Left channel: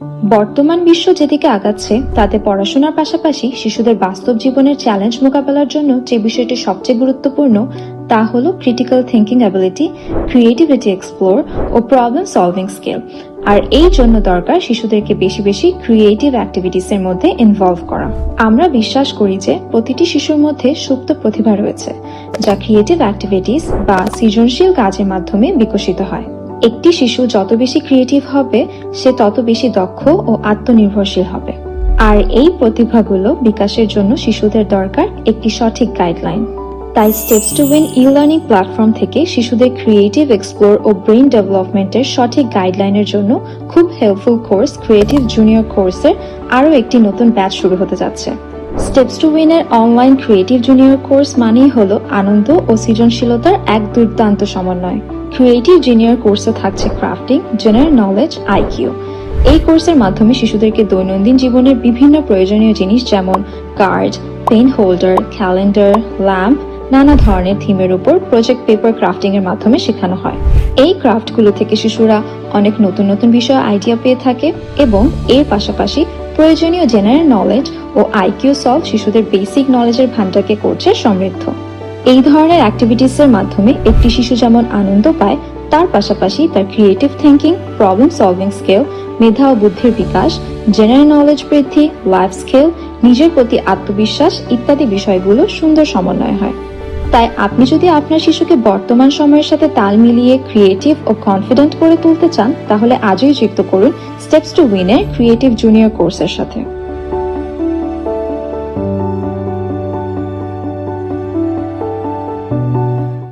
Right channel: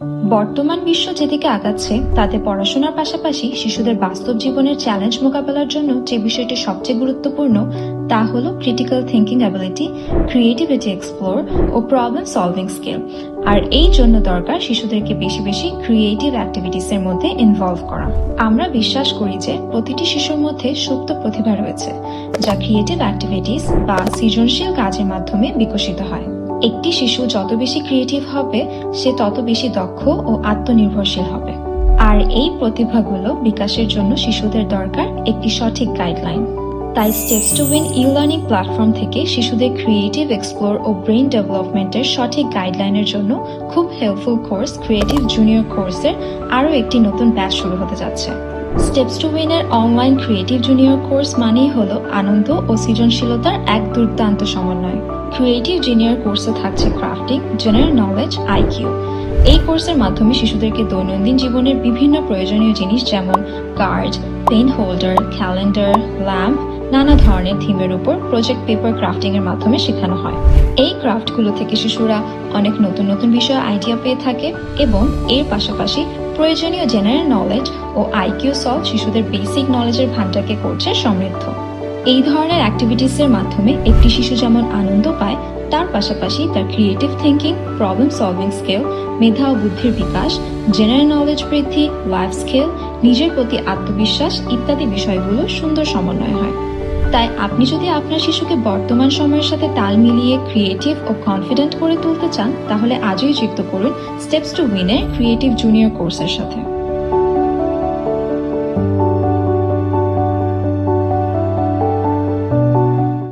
বর্তমান বিশ্ব যেদিকে আগাচ্ছে তাতে পড়াশোনার পাশাপাশি শিশুদের বাস্তব জীবনের চ্যালেঞ্জ মোকাবেলার জন্য যে বিষয়টি সবচেয়ে গুরুত্বপূর্ণ তা হলো critical thinking ability, creativity explore ও প্রবলেম সলভিং স্কিল। আর এই জন্য দরকার শিশুদেরকে বেশি বেশি ক্রিয়েটিভ অ্যাক্টিভিটিস এর মধ্যে ইনভলভ করা। আমরা বিশ্বাস করি যে প্রতিটি শিশুর মধ্যে সুপ্ত প্রতিভা রয়েছে, যা ক্রিয়েটিভ অ্যাক্টিভিটিস বা সৃজনশীল কাজের মাধ্যমে বিকশিত হয়। একটি শিশু যত বেশি ক্রিয়েটিভ হবে সে তত বেশি দক্ষ ও আত্মনির্ভরশীল হবে। আর এই প্রতিভাগুলো বিকাশের জন্য শিশুদের দরকার একটি সঠিক গাইডলাইন। তাই steps to win e-learning platform থেকে শিশুদের ক্রিয়েটিভ এক্সপ্লোর ও ব্রেইন ডেভেলপমেন্টের সঠিক গাইডলাইনের জন্য খুব হেল্পফুল কোর্স ক্রিয়েটিভ জুনিয়র কোর্সের আরও একটি নতুন ব্যাচ শুরু হতে যাচ্ছে। স্টেপস টু উইন এর অনলাইন ক্রিয়েটিভ জুনিয়র কোর্স মানেই হলো আনন্দ ও সৃজনশীলতার এক দুর্দান্ত সমন্বয়। ক্রিয়েটিভ জুনিয়র কোর্সে থাকছে ক্রাফটিং, জেনারেল নলেজ, আইকিউ। এই কোর্সের মাধ্যমে শিশুদেরকে দৈনন্দিন জীবনের বিভিন্ন প্রয়োজনীয় জিনিস যেমন card, pen holder, calendar, lamp, নানা ধরনের থিমের উপর প্রজেক্ট পেপার ক্রাফটিং এর মাধ্যমে শেখানো হয়। এই ক্রাফটগুলো থেকে শিশুরা অনেক নতুন নতুন বিষয়ে আইডিয়া পেয়ে থাকে এবং এর পাশাপাশি প্রয়োজনীয় জেনারেল নলেজ ও আইকিউ সলভ শিশুদের বেসিক নলেজের ভান্ডারকে করছে সমৃদ্ধ। এই ধরনের অ্যাক্টিভিটিসের মাধ্যমে একটি শিশু যেমন আনন্দ পায়, তার পাশাপাশি তার creative thinking, problem solving skill, মেধা ও বুদ্ধির বিকাশ, জেনারেল নলেজ বৃদ্ধি, লাইফ স্কিল, নিজের প্রতি আত্মবিশ্বাস ইত্যাদি বিষয়গুলো সুন্দর সমন্বয় হয়। তাই আপনি যদি আপনার শিশুকে বর্তমান সময়ের সাথে তাল মিলিয়ে ক্রিয়েটিভ ও কনফিডেন্ট করে তুলতে চান, তাহলে আজই যুক্ত করুন স্টেপস টু উইন এর ক্রিয়েটিভ জুনিয়র কোর্সের সাথে।